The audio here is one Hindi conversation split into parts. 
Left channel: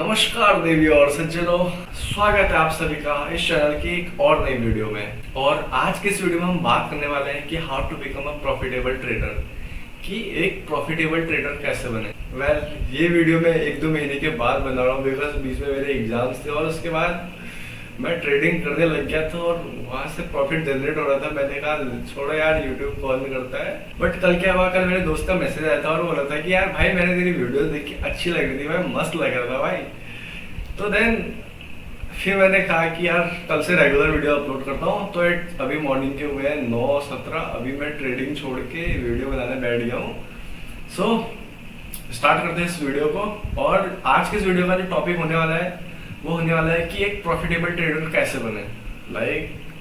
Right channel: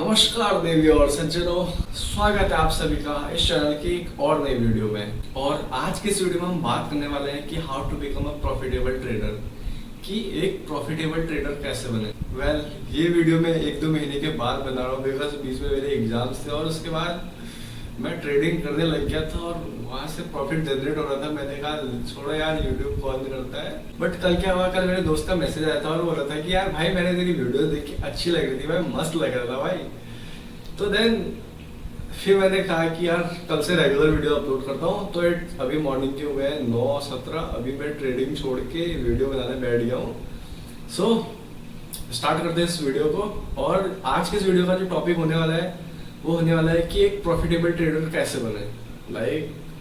नमस्कार देवी और सज्जनों, स्वागत है आप सभी का इस चैनल की एक और नई वीडियो में। और आज की इस वीडियो में हम बात करने वाले हैं कि how to become a profitable trader, कि एक प्रॉफिटेबल ट्रेडर कैसे बने। ये वीडियो मैं 1-2 महीने के बाद बना रहा हूँ बिकॉज बीच में मेरे एग्जाम्स थे और उसके बाद मैं ट्रेडिंग करने लग गया था और वहां से प्रॉफिट जनरेट हो रहा था। मैंने कहा छोड़ो यार, यूट्यूब कॉल नहीं करता है। बट कल क्या हुआ, कल मेरे दोस्त का मैसेज आया था और बोल रहा था कि यार भाई मैंने तेरी वीडियो देखी, अच्छी लग रही थी भाई, मस्त लग रहा था भाई। तो देन फिर मैंने कहा कि यार कल से रेगुलर वीडियो अपलोड करता हूँ। तो अभी मॉर्निंग के हुए हैं 9:17, अभी मैं ट्रेडिंग छोड़ के वीडियो बनाने बैठ गया हूँ। सो स्टार्ट करते हैं इस वीडियो को। और आज के इस वीडियो का जो टॉपिक होने वाला है वो होने वाला है कि एक प्रॉफिटेबल ट्रेडर कैसे बने।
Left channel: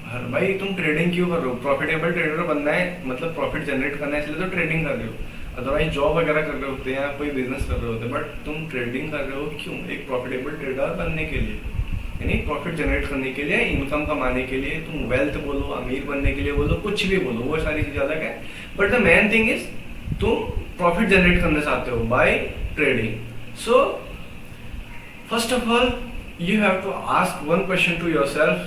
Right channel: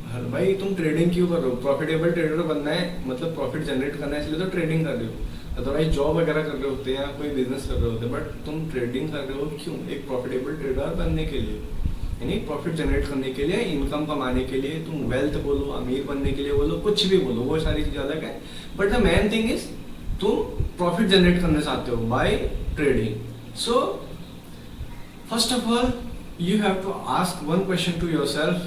हर भाई तुम ट्रेडिंग क्यों कर रहे हो? प्रॉफिटेबल ट्रेडर बनना है, मतलब प्रॉफिट जनरेट करना है, इसलिए तो ट्रेडिंग कर रहे हो। अदरवाइज जॉब वगैरह कर रहे होते हैं या कोई बिजनेस कर रहे होते हैं, बट तुम ट्रेडिंग कर रहे हो क्यों? एक प्रॉफिटेबल ट्रेडर बनने के लिए, यानी प्रॉफिट जनरेट करने के लिए, इनकम कमाने के लिए। तुम वेल्थ बोलो, अमीर बनने के लिए बोलो, कुछ भी बोलो, वो सारी चीजें अलग है। But the main thing is तुम प्रॉफिट जनरेट करना चाहते हो by trading. So first of all you have to ask one question to yourself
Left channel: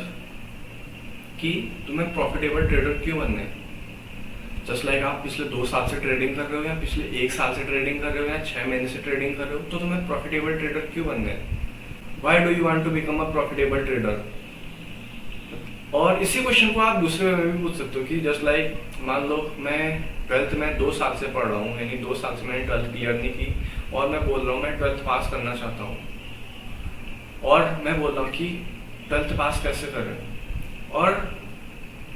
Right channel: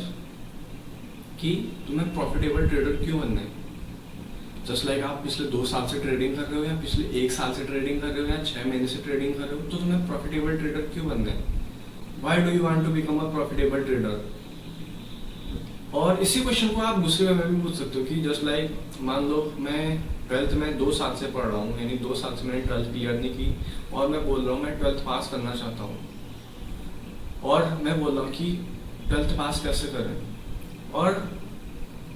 कि तुम्हें प्रॉफिटेबल ट्रेडर क्यों बनना है। जस्ट लाइक आप पिछले 2 साल से ट्रेडिंग कर रहे हो या पिछले 1 साल से ट्रेडिंग कर रहे हो या 6 महीने से ट्रेडिंग कर रहे हो, तो तुम्हें प्रॉफिटेबल ट्रेडर क्यों बनना है? Why do you want to become a profitable trader? और इसी क्वेश्चन को आप दूसरे वे में भी पूछ सकते हो कि जस्ट लाइक मान लो मैं 12th में 2 साल से पढ़ रहा हूँ, यानी 2 साल से मैंने 12th क्लियर नहीं की और मैं बोल रहा हूँ मैं 12th पास करना चाहता हूँ। और मैं बोल रहा हूँ कि 12th पास कैसे करें। और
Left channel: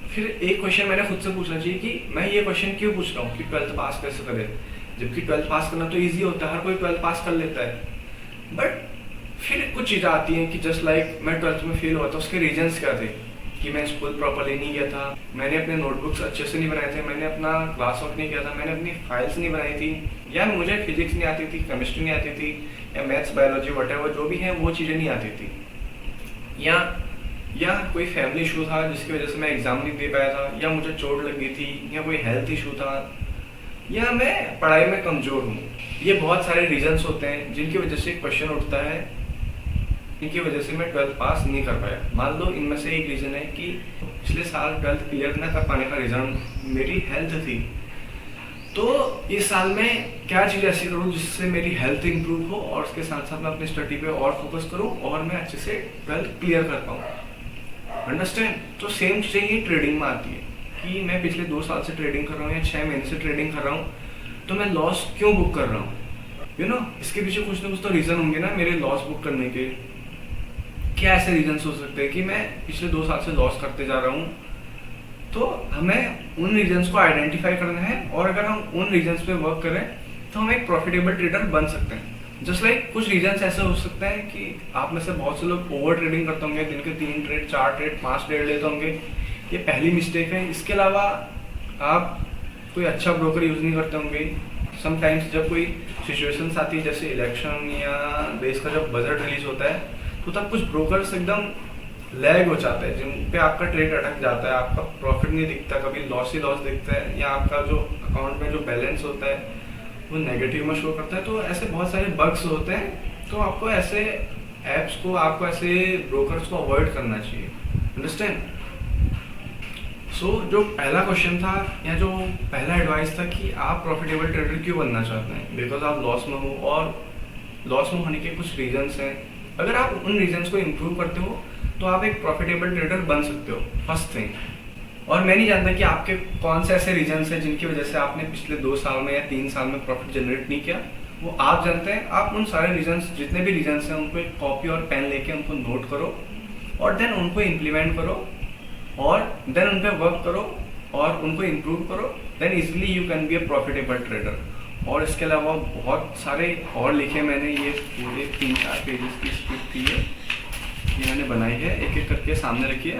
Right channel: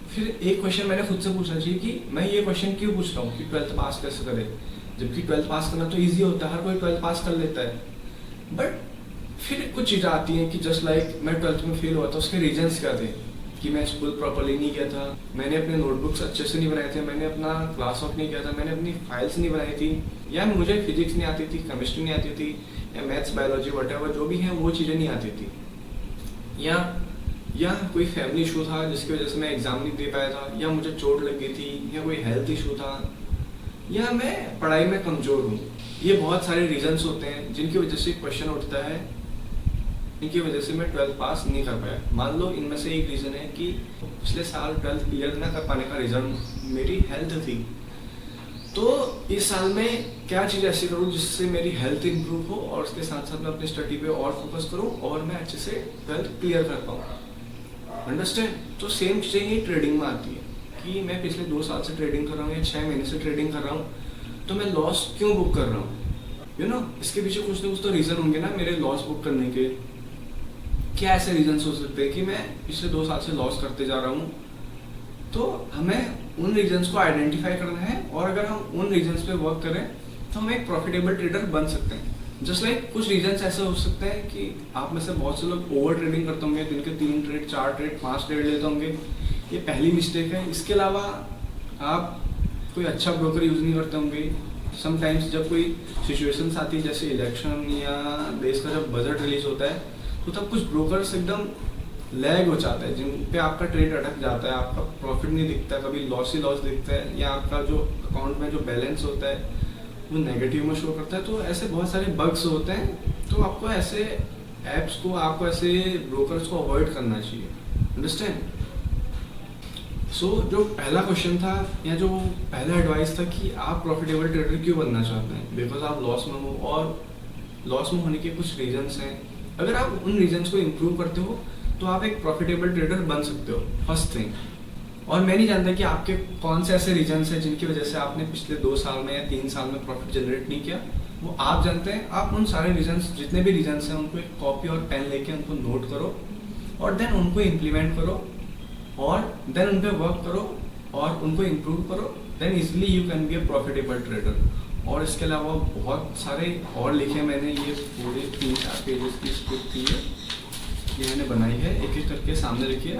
फिर एक क्वेश्चन मैंने खुद से पूछना चाहिए कि मैं ये क्वेश्चन क्यों पूछ रहा हूँ कि 12th पास कैसे करें, जबकि 12th पास करना तो इजी होता है, हर कोई 12th पास कर लेता है। बट फिर कुछ चीज़ें आती हैं कि जस्ट लाइक मैं 12th में फेल हुआ था, उसके रीजंस क्या थे कि मैं स्कूल प्रॉपरली नहीं गया था, मैंने अपने नोटबुक्स अच्छे से नहीं बनाए थे, मैंने अपना क्लास वर्क नहीं किया था, मैंने अपनी फाइल्स नहीं बनाई थी, या मुझे फिजिक्स नहीं आती थी, केमिस्ट्री नहीं आती थी, या मैथ्स बायोलॉजी वटेवर जो भी है वो चीज़ें नहीं आती थी, या कोई फैमिली इशू था जिसकी वजह से मैं एग्ज़ाम नहीं दे पाया था, या मुझे चोट लग गई थी, या कोई हेल्थ इशू था, या मैं पढ़ाई में कमज़ोर हूँ। ये बहुत सारे रीजंस होते हैं जिनकी वजह से क्वेश्चन उठता है, इनकी वजह से मैं 12th पास नहीं कर पाया। मान लो इनमें से एक रीज़न है कि पिछले साल 12th क्लियर ना कर पाने का रीज़न मेरी हेल्थ थी। तो इस साल में क्या चीज़ ऐसी करूँ जिससे मेरी हेल्थ इंप्रूव हो और उसके साथ साथ मैं अपनी स्टडी पे और फोकस करूँ और मैं अच्छे से 12th क्लियर कर पाऊँ। अंडरस्टैंड? तो सेम चीज़ें ही ट्रेडिंग में आती है कि मैं पिछले 2 साल से ट्रेडिंग कर रहा हूँ या 6 महीने से ट्रेडिंग कर रहा हूँ, तो मैं लॉस क्यों बुक कर रहा हूँ? इसके पीछे कुछ ना कुछ तो रीज़न होंगे ना मेरे लॉस बुक करने के। क्या ऐसे रीजंस हो सकते हैं कि मैं पिछले 2 साल से लॉस करते जा रहा हूँ? तो हमें उन रीजंस को आइडेंटिफाई करना है और अगर हम उन रीजंस पे वर्क करें तो हम एक प्रॉफिटेबल ट्रेडर बन सकते हैं। जस्ट लाइक कुछ रीजंस ऐसे हो सकते हैं कि आप में से बहुत से लोग ओवर ट्रेडिंग करते होंगे, दिन के 3 ट्रेड 4 ट्रेड 5 ट्रेड लेते होंगे, ये पहली मिस्टेक है। इसके अलावा आप कोई अच्छा ब्रोकर यूज़ नहीं करते होंगे। समटाइम्स जब कोई सिचुएशंस आती है जैसे इलेक्शन या देश का जब बजट रिलीज होता है, तो तब कुछ ब्रोकर्स एकदम लैग हो जाता है, जिन पे आपका ट्रेड अटक जाता है, आपका प्रॉफिट नहीं दिखता, कभी लॉस ही लॉस दिखता है, या आपका जो अकाउंट में जो बैलेंस होता है वो नेगेटिव में शो करता है। तो ऐसे बहुत सारे बग्स होते हैं, तो आपको ऐसे ऐप्स को, आपको ऐसे ब्रोकर्स को अवॉइड करना चाहिए। अंडरस्टैंड? सो जो पहला क्वेश्चन था या जो पहला एडवाइस था कि आप प्रॉफिटेबल ट्रेडर क्यों बनना चाहते हैं, बिकॉज आप लॉस में हो और लॉस में होने के कुछ रीजंस हैं। अगर आप उन रीजंस को इम्प्रूव करते हो तो आप एक प्रॉफिटेबल ट्रेडर बन सकते हो, फर्स्ट थिंग। और मैं नहीं जानता कि आपके कौन से ऐसे रीजंस हैं जिनकी वजह से आपने पिछले 2 साल में या 3 साल में प्रॉफिट जनरेट नहीं किया, वो आप जानते हैं। आप उन सारे रीजंस, जितने भी रीजंस हैं, उनको एक कॉपी और पेन लेके उनको नोट करो और देन उनको इम्प्लीमेंट करो और देन उन पर वर्क करो और उनको इम्प्रूव करो, then easily you can be a profitable trader. और इसके अलावा बहुत सारे और लिखे मैंने, ये पूरे 3-4 पेजेस की स्क्रिप्ट थी ये मैंने बनाई है, एक एक करके सामने रखिए।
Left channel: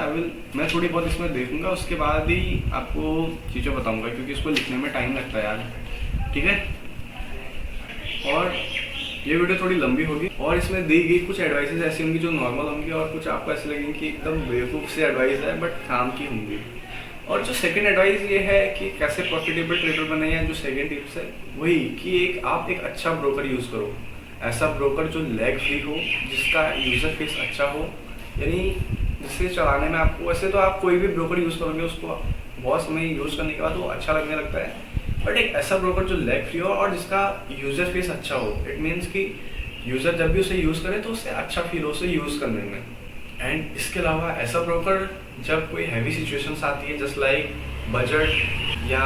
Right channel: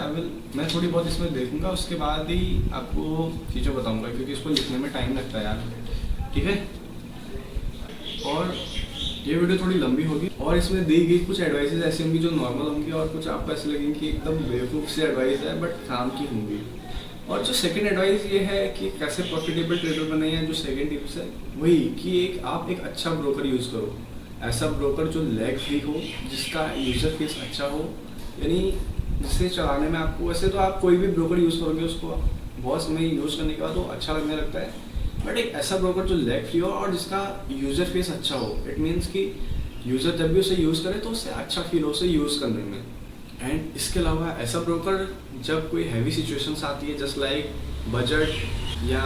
मैं थोड़ी बहुत इसमें देखूंगा, उसके बाद ही आपको चीज़ें बताऊंगा, क्योंकि इसको लिखने में टाइम लगता है यार। ठीक है? और ये वीडियो थोड़ी लंबी होगी और इसमें दी गई कुछ एडवाइसेस ऐसी होंगी जो नॉर्मल होंगी और कुछ आपको ऐसे लगेंगे कि एकदम बेवकूफ़ से एडवाइस है बट काम की होंगी। और जो सेकंड एडवाइस ये है कि कैसे प्रॉफिटेबल ट्रेडर बने, या जो सेकंड टिप्स है वही कि आप एक अच्छा ब्रोकर यूज़ करो। ऐसा ब्रोकर जो लैग फ्री हो, जिसका यूज़र फेस अच्छा हो, यानी जिसे चलाने में आपको, वैसे तो आप कोई भी ब्रोकर यूज़ करोगे उसको बहुत समय यूज़ करने के बाद वो अच्छा लगने लगता है, बट एक ऐसा ब्रोकर जो लैग फ्री हो और जिसका यूज़र फेस अच्छा हो, इट मीन्स कि यूज़र जब भी उसे यूज़ करे तो उससे अच्छा फील हो उसे यूज़ करने में। एंड इसके अलावा ऐसा ब्रोकर जब कोई हैवी सिचुएशंस आती है जस्ट लाइक बजट या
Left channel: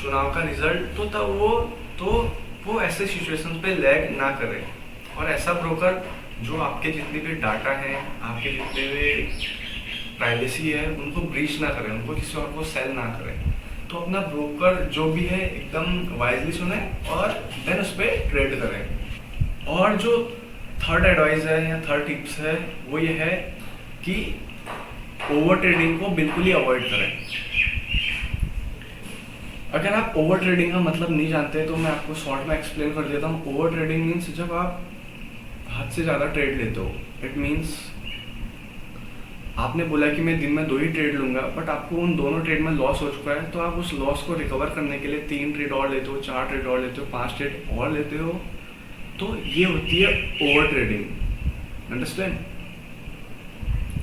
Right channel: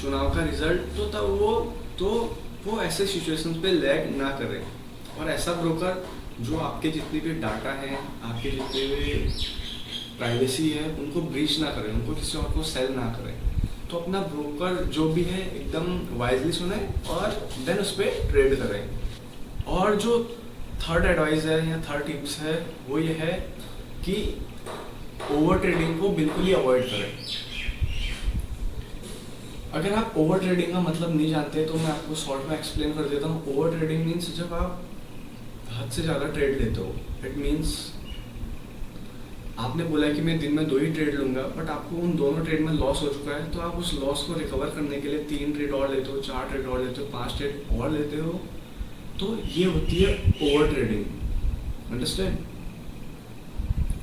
चुनाव का रिजल्ट, तो तब वो ऐसे सिचुएशंस पे लैग ना करे। और ऐसा ब्रोकर जो आपके जितने भी डाटा हैं, आपके जितने भी प्राइवेसी है, उनको ब्रीच ना करें, उनको किसी और को सेल ना करें। तो अपना ब्रोकर जो भी है एकदम वाइजली सुने और देन उस पर ट्रेड करें। और जो थर्ड एडवाइस है या थर्ड टिप्स है वो ये है कि ओवर ट्रेडिंग को बिल्कुल ही अवॉइड करें। अगर आप ओवर ट्रेडिंग का मतलब नहीं जानते तो मैं आपको शॉर्ट में एक्सप्लेन कर देता हूँ। ओवर ट्रेडिंग मीन्स जब आप हद से ज़्यादा ट्रेड लेते हो। इट मीन्स आपने बोला कि मैं दिन में 2 ही ट्रेड लूँगा, बट आपको उन दोनों ट्रेड में लॉस हो चुका है, तो आप उस लॉस को रिकवर करने के लिए 3 ट्रेड और लेते हो, 4 ट्रेड और लेते हो, 5 ट्रेड और लेते हो। तो ये होती है ओवर ट्रेडिंग। अंडरस्टैंड?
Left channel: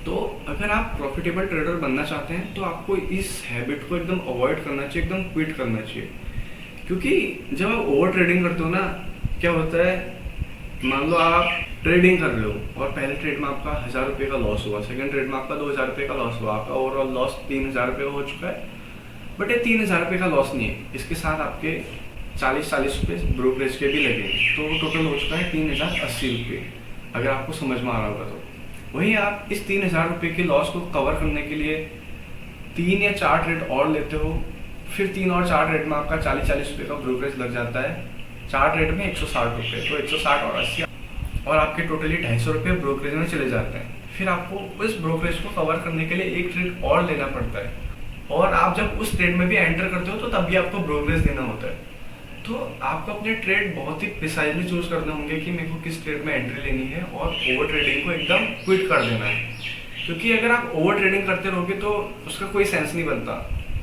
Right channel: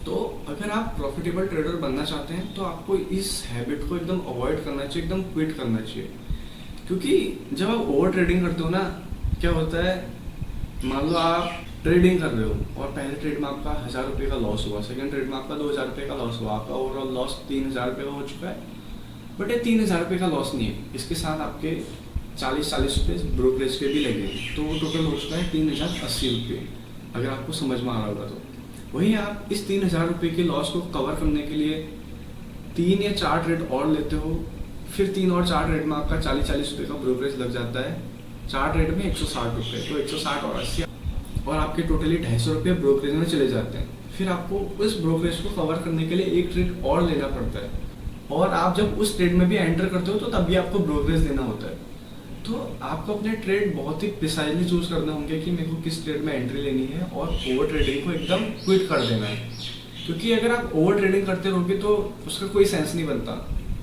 तो अगर आप प्रॉफिटेबल ट्रेडर बनना चाहते हैं तो आपको इस हैबिट को एकदम अवॉइड करना चाहिए, एकदम क्विट करना चाहिए। क्योंकि जब आप ओवर ट्रेडिंग करते हो ना, क्या होता है, मान लो आप ट्रेडिंग कर रहे हो और पहले ट्रेड में आपका 1000 रुपये का लॉस हुआ, सेकंड ट्रेड में आपका 2000 रुपये का लॉस हुआ, आपका ओवरऑल लॉस 3000 रुपये हो चुका है। बट ये 3000 रुपये का लॉस नहीं है, इसके साथ आपके 40 रुपये ब्रोकरेज के भी लगे, तो वो टोटल हो चुका है 3080 रुपये, अगर आपको समझ में आ रहा होगा तो। वहीं आप इस 3000 रुपये के लॉस को कवर करने के लिए 3 या 4 ट्रेड और लेते हो, फिर 3 और 4 ट्रेड में आपका 40 रुपये का ब्रोकरेज लग जाता है। 4 ट्रेड में 160 रुपये, तो 160 और 80 और आपके टोटली 250 रुपये ब्रोकरेज में चले जाते हैं। फिर आपको उस ब्रोकरेज को कवर करने के लिए 1 ट्रेड और लेना पड़ता है, और आप जब उस ट्रेड में भी एंटर करते हो तो तब भी आपको ब्रोकरेज देना होता है। तो आपको अपने ट्रेड बहुत ही प्रिसाइजली चूज करने होंगे कि मेरे को किस ट्रेड में एंट्री लेनी है, और ओवर ट्रेडिंग को एकदम क्विट कर देना है। क्योंकि अगर आप ओवर ट्रेडिंग करते रहोगे तो उसका कोई सेंस नहीं बनता।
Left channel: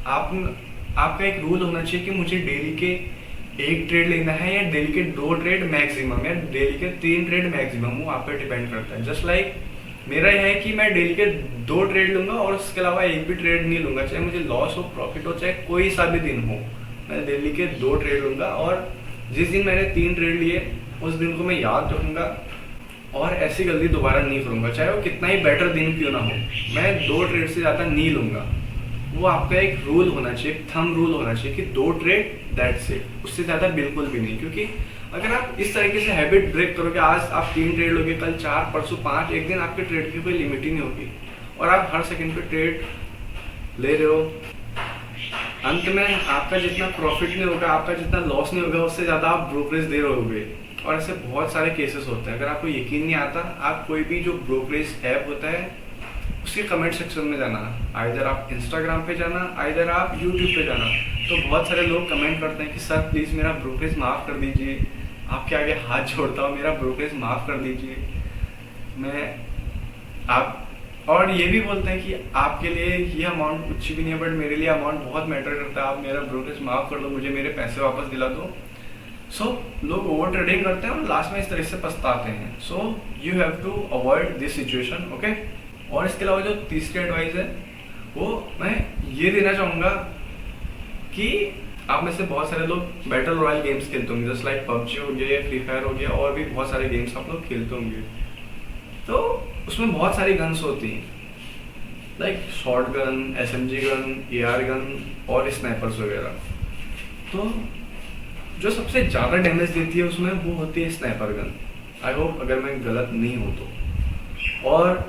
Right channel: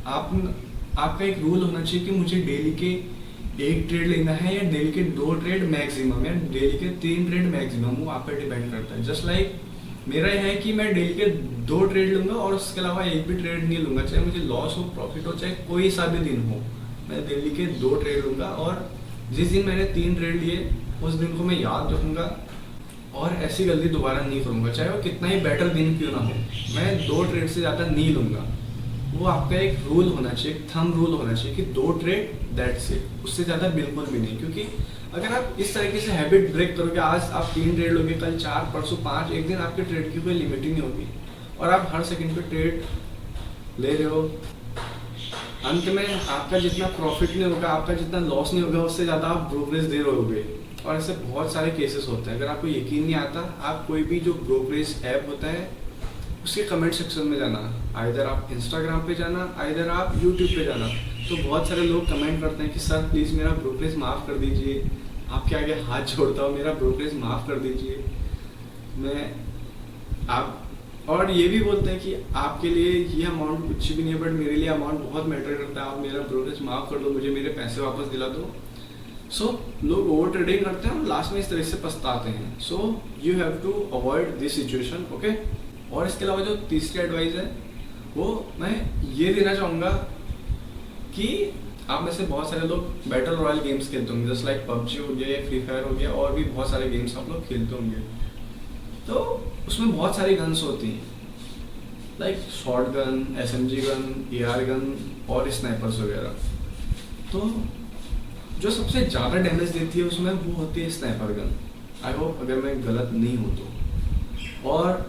आपका एक रूल होना चाहिए कि मुझे डेली के 1 ट्रेड लेना है, या डेली के 2 ट्रेड मैक्सिमम, या डेली के 3 ट्रेड मैक्सिमम, वो आप पे डिपेंड करता है। जस्ट लाइक मेरा यह है कि मैं डेली के 2 ट्रेड लूंगा और उसके अलावा एक भी ट्रेड नहीं लूंगा, चाहे मुझे लॉस हो प्रॉफिट हो, चाहे कोई सा भी दिन हो, मैं डेली के 2 ट्रेड लूंगा। और जिस दिन मैंने 3 ट्रेड लिए उस दिन को मैं याद रखूंगा और ऐसी गलती दोबारा नहीं करूंगा, चाहे वो कितना ही बेटर दिन क्यों ना हो। मैं 2 ट्रेड से ज़्यादा नहीं लूंगा। वो आपका एक रूल होना चाहिए, एक थंब रूल होना चाहिए कि 2 ट्रेड दैट्स इट, उससे ज़्यादा बिल्कुल भी नहीं। क्योंकि अगर आप इस तरीके से हैबिट ब्रेक करोगे, आज आप 3 ट्रेड लोगे, कल 4, परसों 5, एक दिन आपके ट्रेड की कोई लिमिट ही नहीं होगी, और आप हर सेकंड पे ट्रेड ले रहे हो, अंत में आपका जितना प्रॉफिट नहीं होगा, आपका जितना लॉस नहीं होगा, उससे ज़्यादा आप ब्रोकरेज दे रहे होगे। और ऐसे बहुत सारे केसेस होते हैं। अगर आपको यकीन नहीं आता, आप कोई भी जो ब्रोकरेज ऐप होता है उसके कमेंट सेक्शन में जाना, आइदर आप इंस्टाग्राम पे जाना, आइदर आप यूट्यूब पे जाना, तो बहुत सारे लोग कमेंट करते हैं कि सर प्लीज़ मेरा ब्रोकरेज माफ़ कर दीजिए, आपके आगे हाथ जोड़ता हूँ, मेरा ब्रोकरेज माफ़ कर दीजिए। और ये भी बोलते हैं कि आपके लिए ये अमाउंट कुछ भी नहीं है, बट मेरे लिए अमाउंट बहुत मैटर करता है, आप मेरा ब्रोकरेज माफ़ कर दो, मुझे मेरे पैसे वापस दिला दो। सो लोग ओवर ट्रेडिंग करते हैं और लास्ट में इस तरह से पछताते हैं। So you have to avoid this situation, okay. और इसके अलावा जो तीसरी एडवाइस है वो मैं ये देना चाहूँगा कि आप में से बहुत सारे लोग बैटल रॉयल गेम्स खेलते होंगे, जस्ट लाइक पबजी हो गया या फ्री फायर हो गया, और भी बहुत सारे गेम्स आप लोग खेलते होंगे। तो उसमें बहुत सारी गन्स होती हैं, like short gun, SMG gun, AR gun और स्नाइपर्स वगैरह। तो जो सबसे ज़्यादा डैमेज देती है उसमें वो होती है स्नाइपर गन। आई होप अगर मैं गलत नहीं हूँ तो। और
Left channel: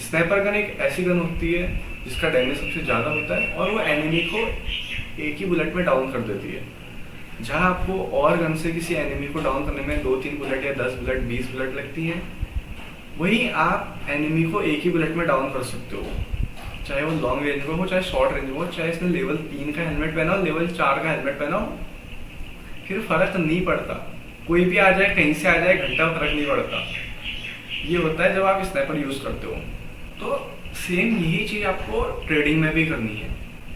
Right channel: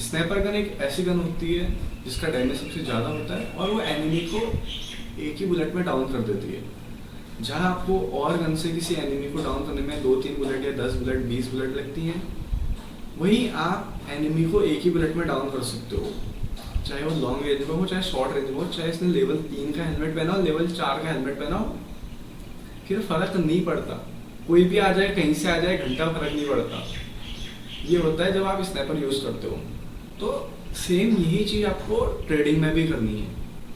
स्नाइपर गन एक ऐसी गन होती है जिसका डैमेज सबसे ज़्यादा होता है, और वो एनिमी को एक ही बुलेट में डाउन कर देती है। जहाँ आपको और गन से किसी एनिमी को डाउन करने में 2-3 बुलेट या 10 बुलेट 20 बुलेट लगती हैं, वहीं आप एनिमी को एक ही बुलेट में डाउन कर सकते हो, चाहे वो लॉन्ग रेंज में हो, चाहे शॉर्ट रेंज में हो, चाहे इसने लेवल 3 का हेलमेट पहना हो, लेवल 4 का हेलमेट पहना हो, फिर फर्क नहीं पड़ता। कोई भी आ जाए, कहीं से आ जाए, घंटा फर्क नहीं पड़ता। ये होता है जब आप स्नाइपर यूज़ करते हो। तो सेम यही चीज़ आपको ट्रेडिंग में भी करनी है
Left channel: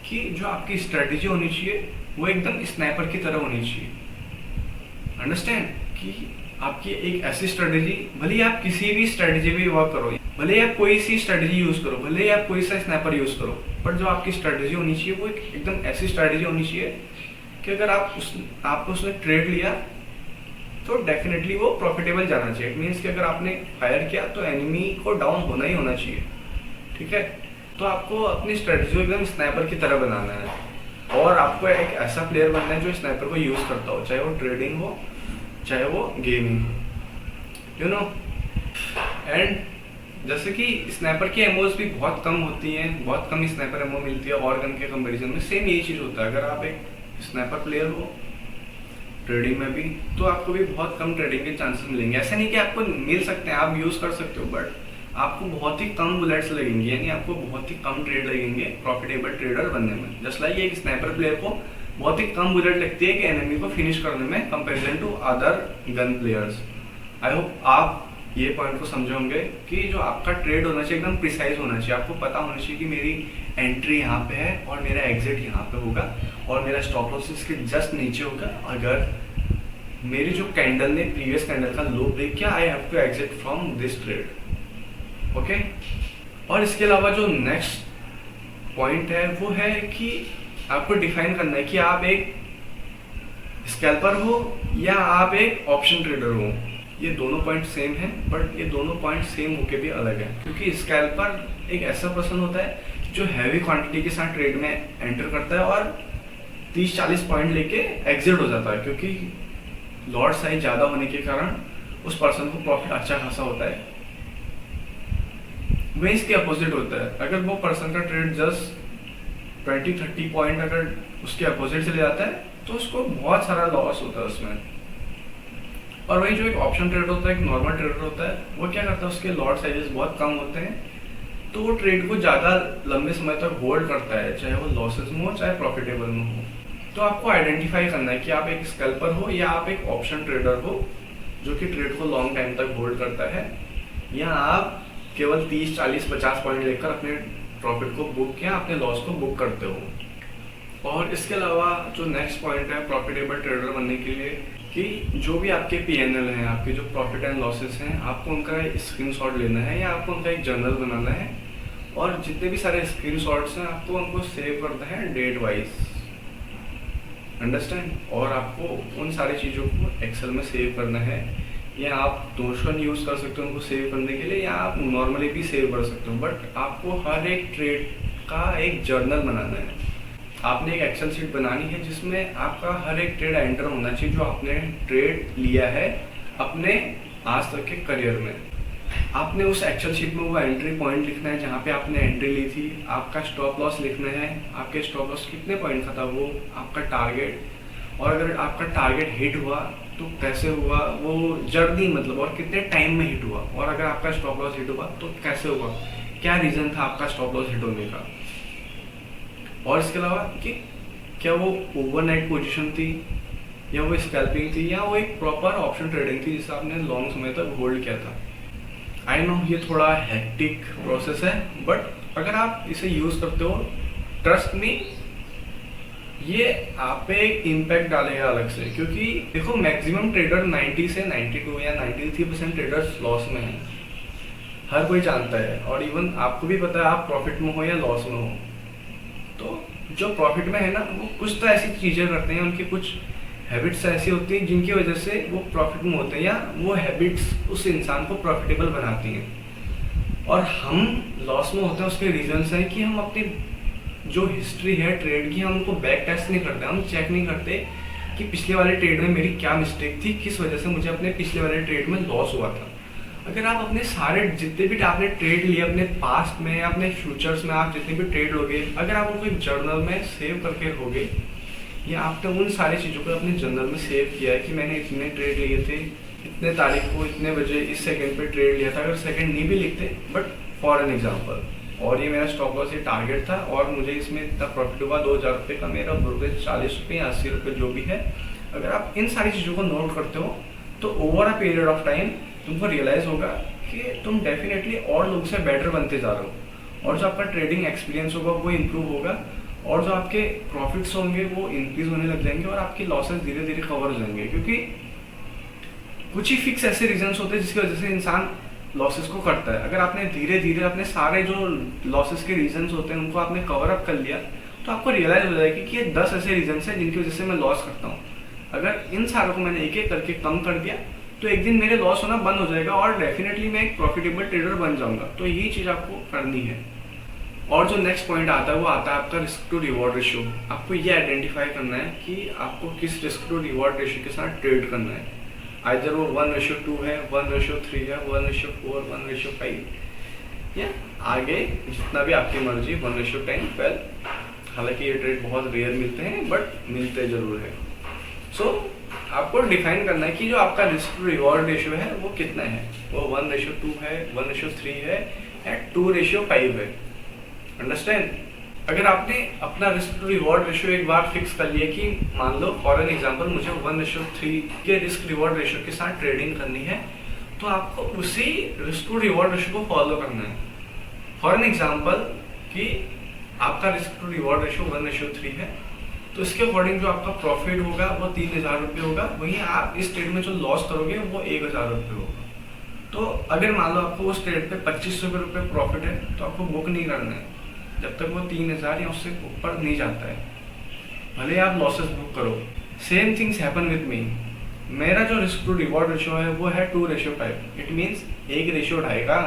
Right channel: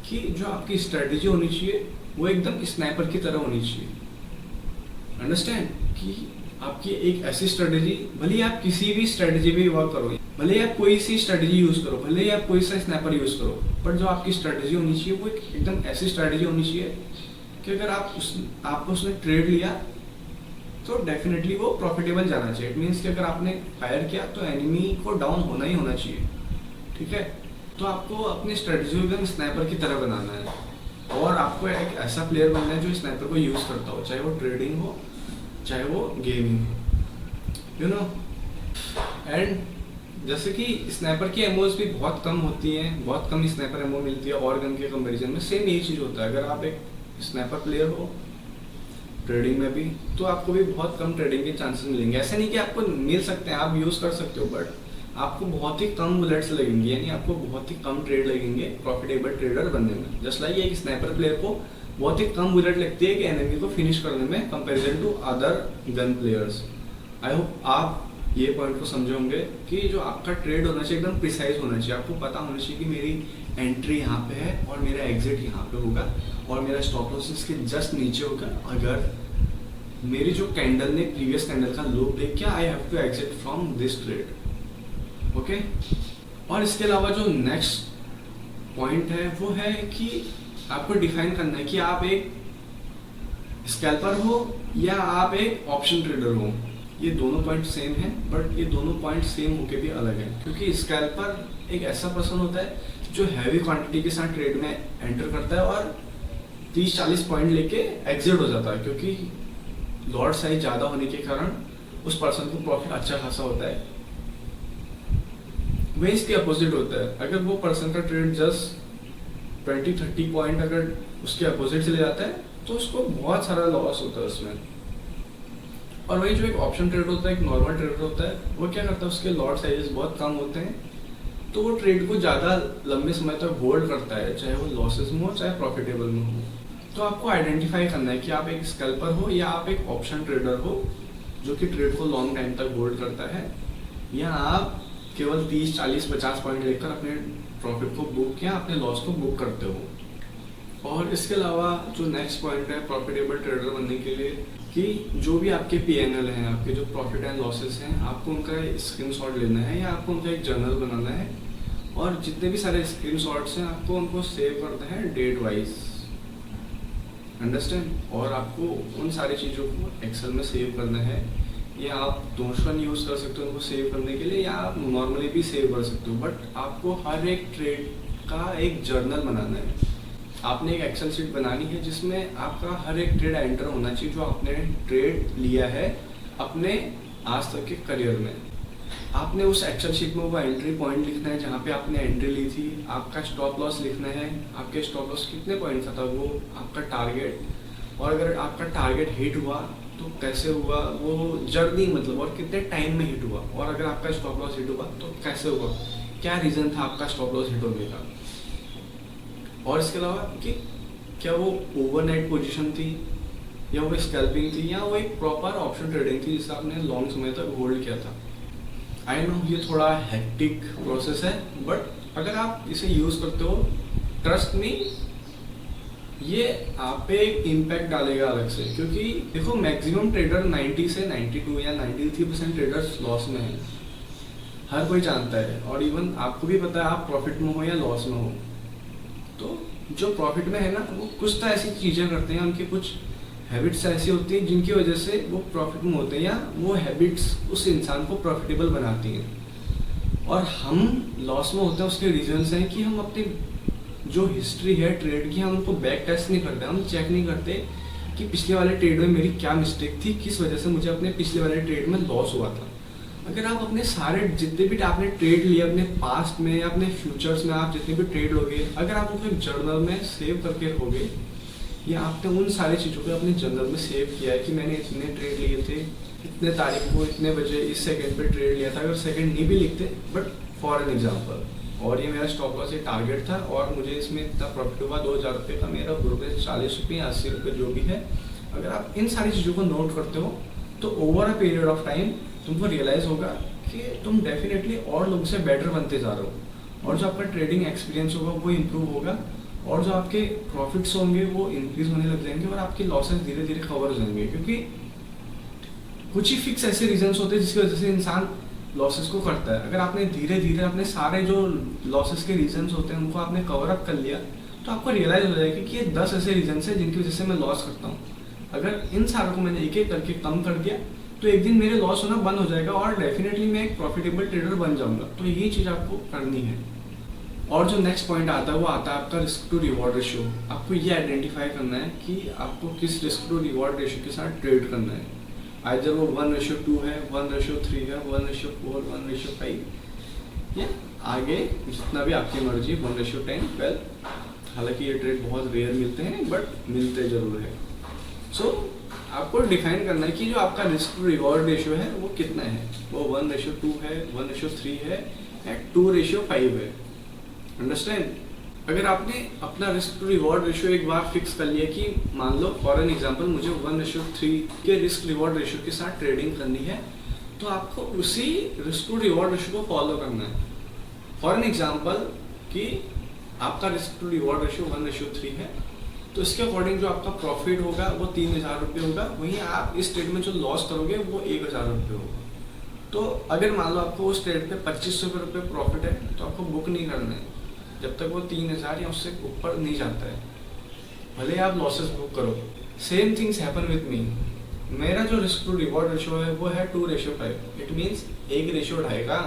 कि जो आपकी स्ट्रेटेजी होनी चाहिए वो एकदम स्नाइपर की तरह होनी चाहिए। अंडरस्टैंड? कि आपकी एक ऐसी स्ट्रेटेजी, भले ही आप किसी भी स्ट्रेटेजी पे वर्क करो, भले ही आप कोई सी स्ट्रेटेजी यूज करो, भले ही आप कोई सा स्नैपर यूज करो, बट जो आपकी स्ट्रेटेजी होनी चाहिए वो एकदम ऐसी स्ट्रेटेजी होनी चाहिए कि अगर आपको उसने ट्रेड लिया तो डेफिनेटली वो प्रॉफिटेबल जाना चाहिए। इट मीन्स कि अगर आपने फायर किया तो एनिमी को डाउन होना ही होना चाहिए, ठीक है। तो आपको अपनी स्ट्रेटेजी को एकदम स्नाइपर की तरह बनाना है और आपको एक ऐसा प्लेयर बनना है जो स्नाइपर को यूज़ करता हो, चाहे वो ट्रेडिंग हो चाहे वो गेमिंग हो, यू नो। एंड जैसे कि स्नाइपर की एमोज भी बहुत कम होती हैं, बहुत कम स्नाइपर एमो मिलती है और गन के कंपैरिजन में। सेम यही चीज़ होता है, अगर आप एक स्नाइपर प्लेयर हो ट्रेडिंग में भी तो आपको भी बहुत कम ट्रेडिंग के चांसेस मिलेंगे। ऐसा नहीं कि आपको मिल सकते हैं, आप यूज़ कर सकते हो, बट आपको बहुत ही कम बुलेट्स लगेंगे, यानी आपको बहुत ही कम ट्रेड लगेंगे प्रॉफिटेबल ट्रेडर बनने में। जस्ट लाइक एक स्नाइपर प्लेयर को बहुत ही कम बुलेट लगती है कि एनिमी को फिनिश करने में comparison to other gun players. I hope आप ये पॉइंट को समझे होंगे कि जो आपका ट्रेड होना चाहिए एकदम प्रिसाइज होना चाहिए। आपको पता होना चाहिए कि मेरी एंट्री यहाँ पे है और मेरा एग्जिट यहाँ पे होगा और मेरा स्टॉप लॉस इसके जस्ट नीचे होगा। अगर मेरी जो कैंडल ने प्रीवियस कैंडल का लो ब्रेक किया, I have to exit from this trade, okay. और इसके अलावा जो नेक्स्ट पॉइंट है वो है कि आपको डिफाइन करना है कि आप एक स्कैल्पर हो या आप एक ऑप्शन ट्रेडर हो। ये दोनों पॉइंट सेम हैं, बट ये दोनों पॉइंट सेम होके भी अलग है, क्योंकि स्कैल्पर एक ऐसा पर्सन होता है जो हैवी क्वांटिटी के साथ ट्रेड में एंटर करता है और 30-40 पॉइंट लेके एग्जिट हो जाता है, क्योंकि लॉट साइज ज़्यादा होने के कारण उस पर्सन को प्रॉफिट अच्छा खासा होता है। वही इसके अपोजिट होता है, अगर वो पर्सन का ट्रेड जस्ट 20-30 पॉइंट अगर उसके अपोजिट चले जाता है तो उसको बहुत सारा लॉस होता है उसमें। और वही जो एक ऑप्शन ट्रेड होता है, एक नॉर्मल ट्रेडर होता है, वो क्या करता है, उसके लॉट साइजेस बहुत कम होते हैं तो वो ट्रेड को ज़्यादा लंबे समय तक होल्ड करता है, चाहे वो लॉसेस में हो चाहे प्रॉफिटेबल में हो। तो आपको आइडेंटिफाई करना है कि आप एक स्कैल्पर हो या आप एक ऑप्शन ट्रेडर हो जो कि ट्रेड को लॉन्ग टाइम तक होल्ड करता है, या आप केवल 30-40-50 पॉइंट लेकर अपने प्रॉफिट को बुक या अपने लॉस को बुक करते हो। और इसके अलावा जो नेक्स्ट पॉइंट है प्रॉफिटेबल ट्रेडर बनने के लिए, कि जो भी आपके PNL हैं, आपके जो प्रॉफिट एंड लॉसेस हैं, आपको उनका स्क्रीनशॉट लेना है या आपको उनका एक जर्नल बनाना है और जितने भी सारे स्क्रीनशॉट्स हैं आपको उनको सेव करना है डेट वाइज, अंडरस्टैंड। और आपको उन सारी चीज़ों को एक्सेल में सेव करना है, या आप नोशन यूज़ कर सकते हो उनको सेव करने के लिए, या आप नॉर्मली भी सेव कर सकते हो, बट आपको हर एक ट्रेड का एक जर्नल बनाना है। आपने एक एक्सेल शीट बनानी है जिसमें आपका हर एक ट्रेड एंटर होना चाहिए जो आपने ट्रेड लिया है अपने आज तक के करियर में। आपने उस एक्सेल शीट में वो एंट्री पॉइंट लिखना है जहाँ पे आपने एंट्री ली थी, आपका स्टॉप लॉस लिखना है, आपके स्टॉप लॉस कितने पॉइंट का था, वो आपका टारगेट, और अगर आपका टारगेट हिट हुआ तो कैसे हुआ वो जर्नी, मतलब और कितने टाइम में हिट हुआ, और अगर आपका स्टॉप लॉस हिट हुआ तो कैसे हुआ, क्या रीज़न था आपका स्टॉप लॉस हिट होने का। और इसके अलावा कि क्या वो ओवरनाइट पोजीशन थी या वो स्कैल्पिंग थी या वो एक प्रॉपर ऑप्शन ट्रेडिंग थी जिसे आपने लॉन्ग समय तक होल्ड किया था। आई नो ये थोड़ा हेक्टिक प्रोसेस है, बट अगर आप इसे यूज़ करते हो, ट्रस्ट मी, ये आप पे एक इम्पैक्ट डालेगा अलग से। क्योंकि देखो मैक्सिमम ट्रेडर 90 से 92 या 93% ट्रेडर्स लॉस में हैं, हर कोई जानता है, और इवन आपको भी पता है आप प्रॉफिट में हो या लॉस में हो। तो जो प्रॉफिट में है ना, वो कुछ तो ऐसी चीज़ें करते हैं, उनकी कुछ हैबिट्स ऐसी होती हैं जिनकी वजह से वो प्रॉफिट में होते हैं, या वो हैबिट्स उस इंसान को प्रॉफिटेबल बनाती हैं। और हम लॉस में होते हैं, उसके रीजंस हैं कि हम अपनी जो हिस्ट्री है ट्रेड की, हम उनको बैक टेस्ट नहीं करते, हम चेक नहीं करते कि पिछले वाले ट्रेड में मेरी क्या मिस्टेक थी, किस वजह से मुझे अपने पिछले वाले ट्रेड में लॉस हुआ था। अगर आप अपने सारे जितने भी आपने ट्रेड लिए अपने पास्ट में, अपने फ्यूचर्स में, आप जितने भी ट्रेड लोगे, अगर आप उनको एक जर्नल में सेव करके रखोगे, या आपने उन सारी चीज़ों को अपने जर्नल में सेव किया है कि मैंने इतने ट्रेड लिए थे, इतने तारीख को इतने बजे इस सेकंड पे ट्रेड लिया था, अगर सेकंड नहीं भी लिखते, बट फॉर एन एग्जांपल, और ये मेरा स्टॉप लॉस ये टारगेट था और मुझे इसमें इतना प्रॉफिट हुआ 2000 रुपये का, मेरा रुपये 40 रुपये या 80 रुपये जो भी है, अगर आप इन सारी चीज़ों को नोट करते हो तो over a period of time तुमको रियलाइज़ होगा कि तुम डेफिनेटली और लोगों से बेटर बनते जा रहे हो, और जो आपका ट्रेडिंग एक्सपीरियंस होगा वो इम्प्रूव होगा, और जो आपके प्रॉफिट्स होंगे वो इंक्रीज होने लग जाएंगे, और आपके लॉसेस धीरे धीरे कवर हो जाएंगे। क्योंकि कुछ ही फिक्स ऐसे रीजंस होते हैं जिसकी वजह से इंसान लॉसेस को करता है। अगर आपने धीरे धीरे अपने सारे जो लॉसेस के रीजंस होते हैं उनको आपने कवर अप कर लिया तो आपको रियलाइज हो जाएगी कि ये 10 ऐसे रीजंस हैं जिनकी वजह से मैं लॉस करता हूँ। अगर इन सारों को मैंने एक एक करके कम कर दिया तो एक दिन मेरे लॉस होना बंद हो जाएगा और डेफिनेटली मैं एक प्रॉफिटेबल ट्रेडर बन जाऊंगा। तो यही चीज़ आपको करनी है। और जो नेक्स्ट पॉइंट आता है वो आता है आपका रिस्क टू रिवॉर्ड रेशियो। आपको ये आइडेंटिफाई करना है कि आपको किस रिस्क टू रिवॉर्ड रेशियो के साथ ट्रेड करना है। आइदर वो 1:2 है, 1:3 है, 1:4, 1:5 या आगे जितना भी आपकी मर्जी, 1:10, 12। हालांकि ये ट्रेड बहुत रेयर मिलते हैं बट मिलते ज़रूर है। सो आपको डिफाइन करना है कि जो आपका रिस्क टू रिवॉर्ड रेशियो है वो कितना है। वो 1:2 है, 1:3 है या 2:5 है। अंडरस्टैंड? अगर आपने अपना रिस्क टू रिवॉर्ड रेशियो एक बार फिक्स कर लिया कि मान लो फॉर एन एग्जांपल मुझे 1:3 के रिस्क रिवॉर्ड रेशियो के साथ ट्रेडिंग करनी है, तो आपको उसी रिस्क टू रिवॉर्ड रेशियो को फॉलो करना है। फॉर एन एग्जांपल कि आपका रिस्क टू रिवॉर्ड रेशियो 1:3 है, तो इसके अकॉर्डिंग जो आपका प्रॉफिट होगा वो 3000 रुपये होगा। वहीं आप इस ट्रेड में जो लॉस करोगे वो 1000 रुपये होगा। तो अगर मान लो आपको उस ट्रेड पे 2500 रुपये प्रॉफिट है तो आपको बुक नहीं करना है जब तक वो 3000 या उससे ऊपर नहीं जाता है, भले आप लॉसेस बुक करो। Same things happen with me. मेरा जो रिस्क टू रिवॉर्ड रेशियो है वो है 2:5। इट मीन्स 1:2.5 का।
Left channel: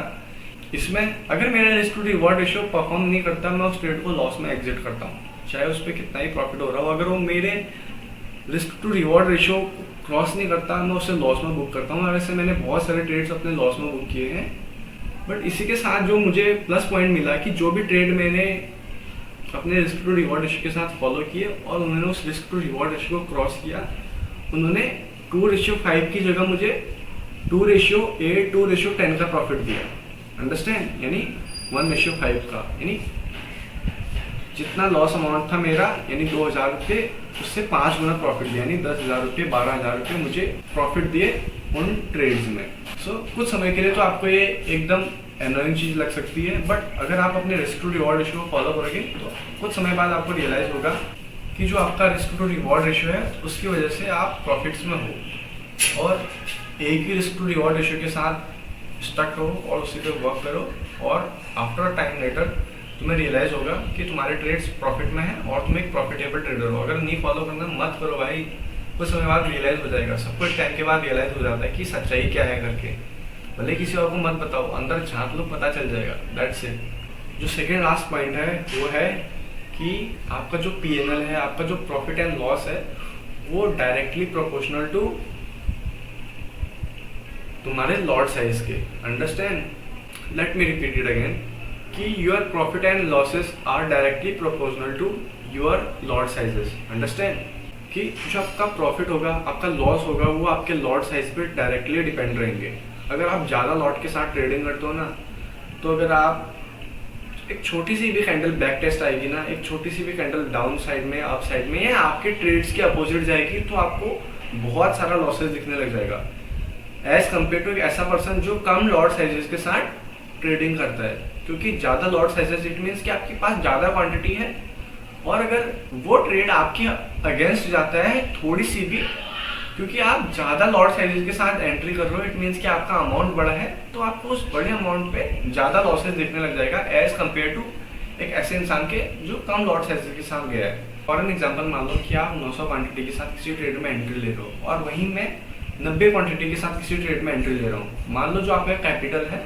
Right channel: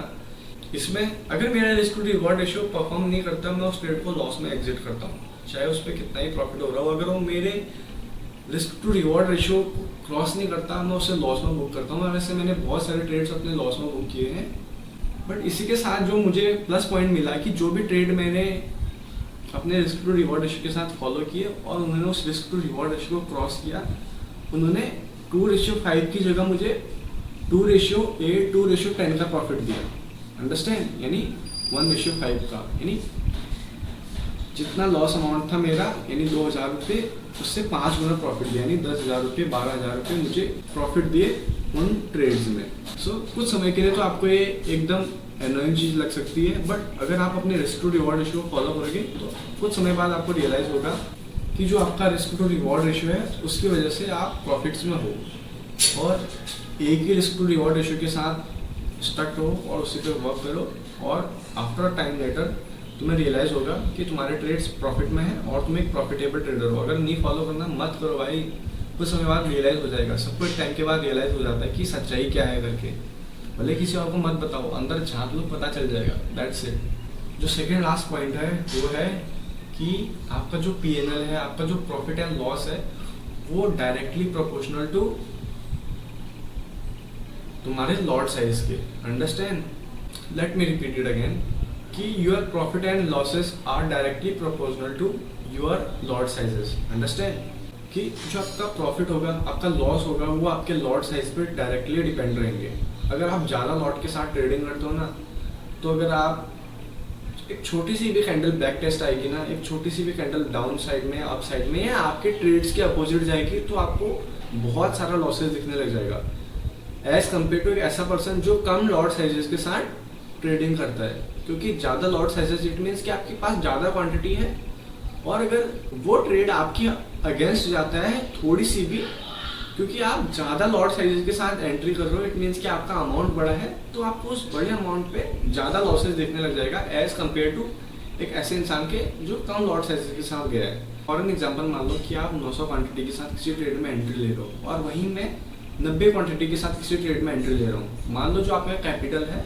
इसमें अगर मेरा risk to reward ratio perform नहीं करता, मैं उस ट्रेड को लॉस में एग्जिट करता हूँ, चाहे उस पर कितना ही प्रॉफिट हो रहा हो। अगर वो मेरे risk to reward ratio cross नहीं करता, मैं उसे लॉस में बुक करता हूँ। वैसे मैंने बहुत सारे ट्रेड्स अपने लॉस में बुक किए हैं, बट इसी के साथ जो मुझे प्लस पॉइंट मिला कि जो भी ट्रेड मैंने अपने रिस्क टू रिवॉर्ड रेशियो के साथ फॉलो किए और उन्होंने उस रिस्क टू रिवॉर्ड रेशियो को क्रॉस किया, उन्होंने 2:5 की जगह मुझे 2:8, 2:10 का प्रॉफिट दिया। अंडरस्टैंड? यानी 1:5 का, यानी जितना लॉस अमाउंट था मेरा यानी 2000 रुपये, उससे 5 गुना प्रॉफिट दिया, यानी 10,000 रुपये, 12,000 रुपये मुझे प्रॉफिट दिए उन ट्रेड्स में। सो कुछ समय के लिए तो आपको ये एकदम एनोइंग चीज़ लग सकती है, बट अगर आप अपने रिस्क टू रिवॉर्ड रेशियो को फॉलो करोगे तो कुछ समय बाद आपको रियलाइज़ होगा कि जो आपका रिस्क टू रिवॉर्ड रेशियो है उसकी वजह से आप प्रॉफिट्स में हो। और एक ही रिस्क टू रिवॉर्ड रेशियो के साथ स्टक रहो और उसी पे वर्क करो, और आफ्टर टाइम लेटर तुम्हें रियलाइज़ होगा कि तुम्हारे ट्रेड्स प्रॉफिट में हैं और तुम एक प्रॉफिटेबल ट्रेडर हो। अगर नहीं फॉलो करना मत करो भाई, कुछ समय बाद रियलाइज़ हो जाएगा। सबको एक टाइम के बाद रियलाइज़ हो जाता है कि सच्चाई क्या है करके। भले किसी और को मत बताओ, अंदर झांक लो, पता चल जाएगा। That's it. जो सेकेंड लास्ट पॉइंट है वो है कि आपका जो P&L है, आपका जो प्रॉफिट एंड लॉस है, वो डायरेक्टली प्रोपोर्शनल टू तुम्हारे लॉट साइज के। Understand? Let me repeat it again कि your profit and losses are directly proportional to your lot sizes. Understand? कि जो आपका प्रॉफिट होगा, आपका लॉस होगा, वो आपके लॉट साइज पे डायरेक्टली डिपेंड रहेंगे। अगर आप ज़्यादा लॉट के साथ ट्रेडिंग करते हो ना, तो अगर आप एक छोटी सी भी कैंडल बैक टेस्ट आएगी ना, एक छोटी सी भी कैंडल डाउन साइड में, अप साइड में, या आपके ट्रेड्स के अपोजिट जाएगी, तो आपको बहुत सारा लॉसेस दिखने लग जाएगा एज कम्पेयर टू एक ऐसा पर्सन जो कम लॉट साइजेस के साथ ट्रेडिंग करता है। क्योंकि ज़्यादा लॉट साइजेस इट मीन्स कि आपके पास ज़्यादा क्वांटिटी है, और अगर वो ट्रेड आपके अगेंस्ट जाता है थोड़ी सी भी, क्योंकि आप ज़्यादा लॉट साइजेस के साथ एंट्री कर रहे हो, इट मीन्स कि आपका अमाउंट बड़ा है, तो आपको उस बड़े अमाउंट पे ज़्यादा लॉसेस देखने लग जाएगा एज कम्पेयर टू एक ऐसे इंसान के जो कम लॉट साइजेस के साथ गया है। फॉर एन एग्जाम्पल मान लो कि आप 900 क्वांटिटी के साथ किसी ट्रेड में एंट्री ले रहे हो और वहीं मैं 90 क्वांटिटी के साथ किसी ट्रेड में एंट्री ले रहा हूँ। मान लो जो आपका कैपिटल है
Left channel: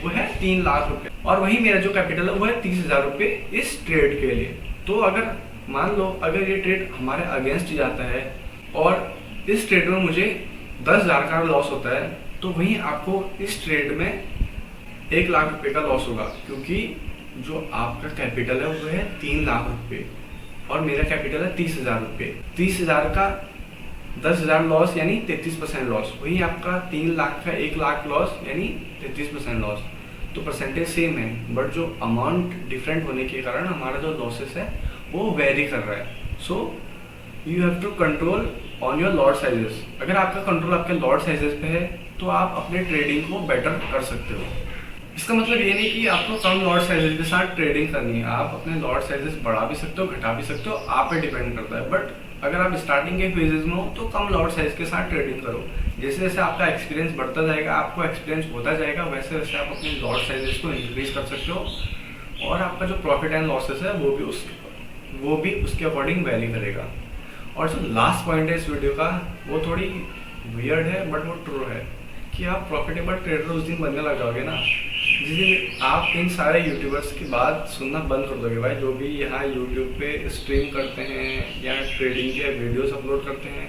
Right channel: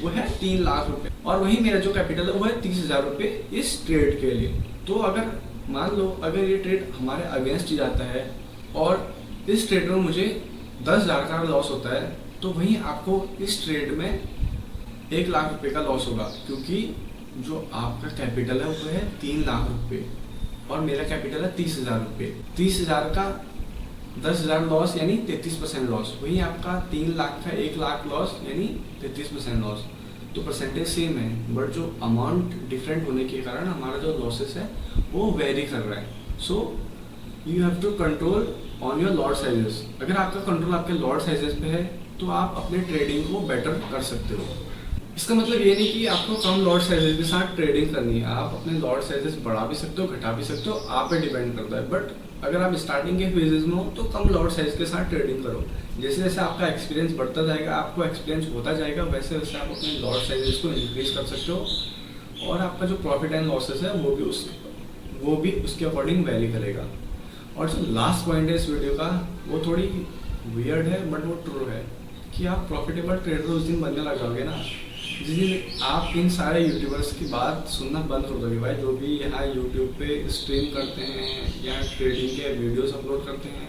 वो है 3 लाख रुपए और वहीं मेरा जो कैपिटल है वो है 30,000 रुपये इस ट्रेड के लिए। तो अगर मान लो अगर ये ट्रेड हमारे अगेंस्ट जाता है और इस ट्रेड में मुझे 10,000 का लॉस होता है, तो वहीं आपको इस ट्रेड में 1 लाख रुपए का लॉस होगा, क्योंकि जो आपका कैपिटल है वो है 3 लाख रुपए और मेरा कैपिटल है 30,000 रुपये। 30,000 का 10,000 लॉस यानी 33% लॉस, वहीं आपका 3 लाख का 1 लाख लॉस यानी 33% लॉस। तो परसेंटेज सेम है, बट जो अमाउंट डिफरेंट होने के कारण हमारा जो लॉसेस है वो वेरी कर रहा है। So you have to control on your lot sizes. अगर आपका कंट्रोल आपके लॉट साइजेस पे है तो आप अपने ट्रेडिंग को बेटर कर सकते हो। इसका मतलब ये नहीं कि आपको कम लॉट साइजेस के साथ ट्रेडिंग करनी है, आप अपने लॉट साइजेस बढ़ा भी सकते हो, घटा भी सकते हो, आप पे डिपेंड करता है। बट अगर आप स्टार्टिंग के फेजेस में हो तो कम लॉट साइज के साथ ट्रेडिंग करो। जैसे जैसे आपका एक्सपीरियंस बढ़ता जाएगा, आपको एक्सपीरियंस होता जाएगा, वैसे वैसे आप अपने लॉट साइजेस को इंक्रीज कर सकते हो और आपका जो प्रॉफिट एंड लॉसेस है वो भी उसके अकॉर्डिंग वेरी करेगा। और जो लास्ट पॉइंट है इस वीडियो का वो थोड़ी वियर्ड है बट वो ट्रू है कि आप प्रॉफिटेबल ट्रेडर उस दिन बनने लग जाओगे ना जिस दिन आप इन सारे यूट्यूबर्स की बात सुनना बंद कर दोगे। भाई जो भी यहाँ यूट्यूब पे स्ट्रीम करते हैं या ट्रेडिंग के वीडियोस अपलोड करते हैं,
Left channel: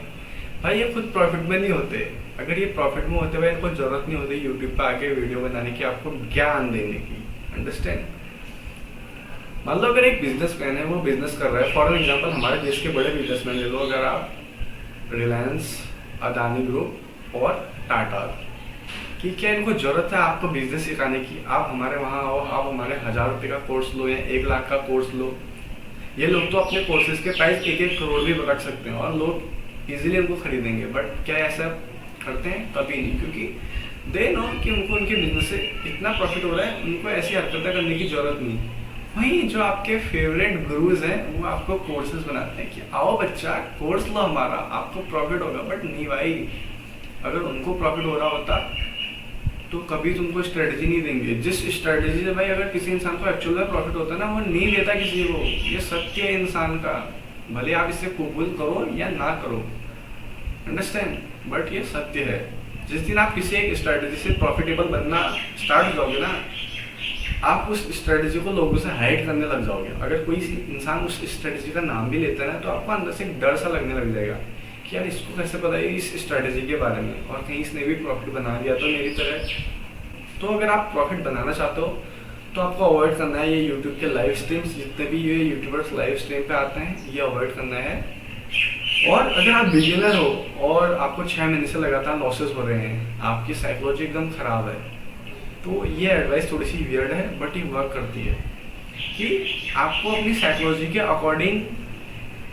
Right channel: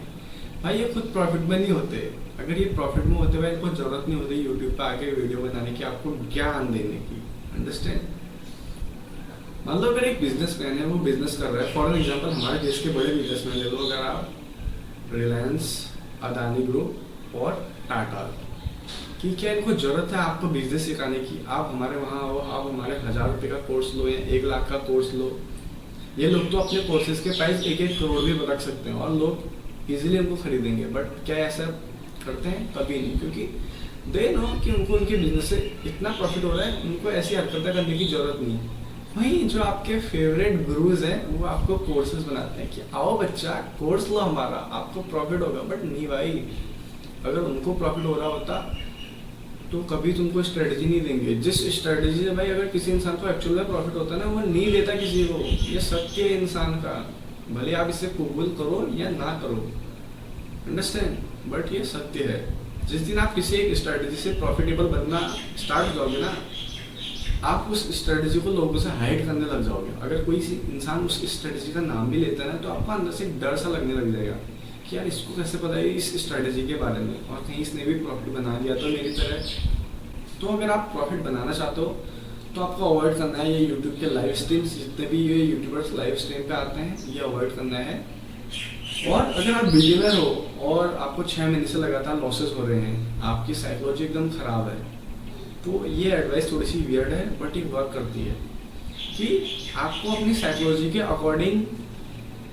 भाई ये खुद प्रॉफिट में नहीं होते। अगर ये प्रॉफिट में होते भाई इनको जरूरत नहीं होती यूट्यूब पे आके वीडियो बनाने की, आपको ज्ञान देने की। अंडरस्टैंड? मान लो अगर एक बिजनेसमैन है, वो बिजनेस कर रहा है, फॉर एग्जांपल हमारे देश के बड़े बिजनेसमैन ले लो, अगर आप रिलायंस, अदानी ग्रुप और टाटा, कि क्या इनको जरूरत है आपको बिजनेस सिखाने की? आप हमारे वहाँ आओ, आप हमारे 1000 रुपये का कोर्स लो या 1 लाख का कोर्स लो। ये लोग तो अपने कोर्सेज के प्राइस 1-1 करोड़ भी रख सकते हैं और लोग इजीली उनको खरीदेंगे। बट क्या ऐसा करते हैं? कभी नहीं, क्योंकि दे नो कि उनको उनके बिजनेस से इतना प्रॉफिट हो रहा है, उनको ऐसी हरकतें करने की जरूरत नहीं। वहीं जो आपके फेवरेट गुरुज हैं वो आपको कोर्सेज बनाते हैं कि आओ बच्चा कोर्स लो हमारा, आपको प्रॉफिट होगा। बट नहीं भाई, अगर उनको प्रॉफिट हो रहा होता तो कभी तुमको स्ट्रेटजी नहीं देंगे। जिस स्ट्रेटजी से भाई अगर किसी इंसान को एक्चुअल में प्रॉफिट होता है ना, वो नहीं देता किसी को। ये सत्य है इंसान का, भले आप इसे कबूल करो या ना करो। अंडरस्टैंड? बट ये सत्य है। जिस दिन आप किसी एक स्ट्रेटजी से प्रॉफिटेबल बनना स्टार्ट हो जाओगे ना, आप उस स्ट्रेटजी को लोगों से हाइड करने लग जाओगे। अगर कोई इंसान उस स्ट्रेटजी का नाम भी लेता है ना, तो आपको अंदर से एक डर सा लगने लग जाएगा कि यार इसको कैसे पता है इस स्ट्रेटजी के बारे में, और कहीं इसने भी प्रॉफिट बना लिया तो मेरी तरह। तो अगर आप प्रॉफिट बनाना चाहते हो तो आपको अवॉइड करना है ये यूट्यूब के लाइव स्ट्रीम्स, जितने भी ये यूट्यूबर्स लाइव स्ट्रीम पे आते हैं, ये अवॉइड करना है। और अगर आप बिगिनर हो और आपको 6 महीने से लगातार लॉसेस हो रहे हैं, आपकी साइकोलॉजी एकदम ख़राब है, तो ये एडवाइस थोड़ी सी वियर्ड है बट ये वर्क करती है कि आपको अपनी साइकोलॉजी के अकॉर्डिंग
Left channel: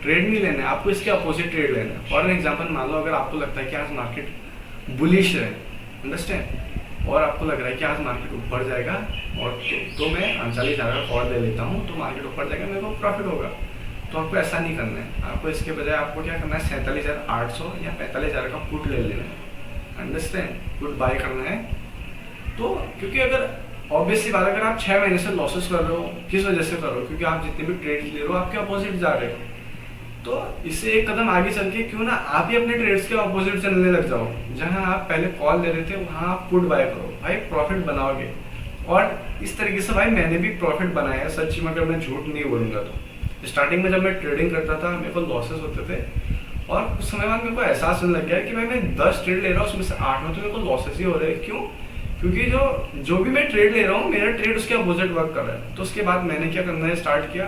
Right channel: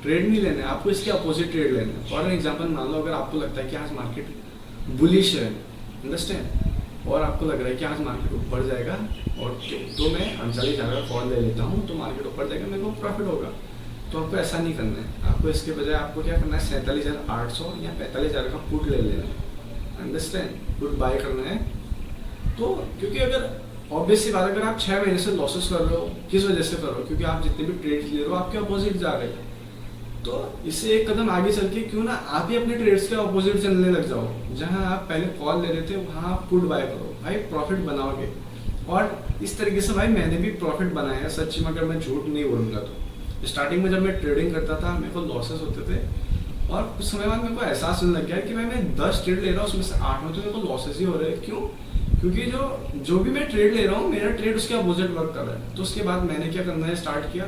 ट्रेड नहीं लेना है, आपको इसके अपोजिट ट्रेड लेना है। फॉर एग्जांपल मान लो अगर आपको लगता है कि आज मार्केट बुलिश है, अंडरस्टैंड, और आपको लग रहा है कि आज मार्केट ऊपर जाएगा और तो मैं 39,000 का कॉल ले लेता हूँ तो मार्केट ऊपर जाएगा, मेरे को प्रॉफिट होगा। तो आपको ऐसा नहीं करना है। आपको इसके बजाय आपको क्या करना है, 47,800 या 45,000 का पुट ले लेना है। अंडरस्टैंड? पुट बाय करना है। तो क्योंकि अगर ऑब्वियस सी बात, अगर आप 6 महीने से लॉसेस कर रहे हो, किस वजह से कर रहे हो? क्योंकि आप जितने भी ट्रेड्स ले रहे हो आपके अपोजिट जा रहे हो। तो इससे एक कदम आगे चल के क्यों ना आप ही अपने ट्रेड्स के ऑपोजिट चलने लग जाओ। जहां आप पहले कॉल ले रहे थे वहां आप पुट बाय करो, भाई प्रॉफिट बनाओगे। और इस तरीके से भाई मैंने भी प्रॉफिट बनाया है, सच्ची में अगर मैं झूठ नहीं बोलूंगा तो। स्टार्टिंग में जब मैं ट्रेडिंग करता था मेरे को लॉसेस होते थे और कुछ समय बाद मेरे को एहसास होने लग गया कि भाई मैं 10 ट्रेड ले रहा हूँ, उसमें से 8 में तो मेरे को लॉसेस ही हो रहे हैं। क्यों? क्योंकि जो भी मैं ट्रेड ले रहा हूँ मेरा ट्रेड उसके अपोजिट वर्क कर रहा है। तो उसके बाद मैंने क्या करना है स्टार्ट किया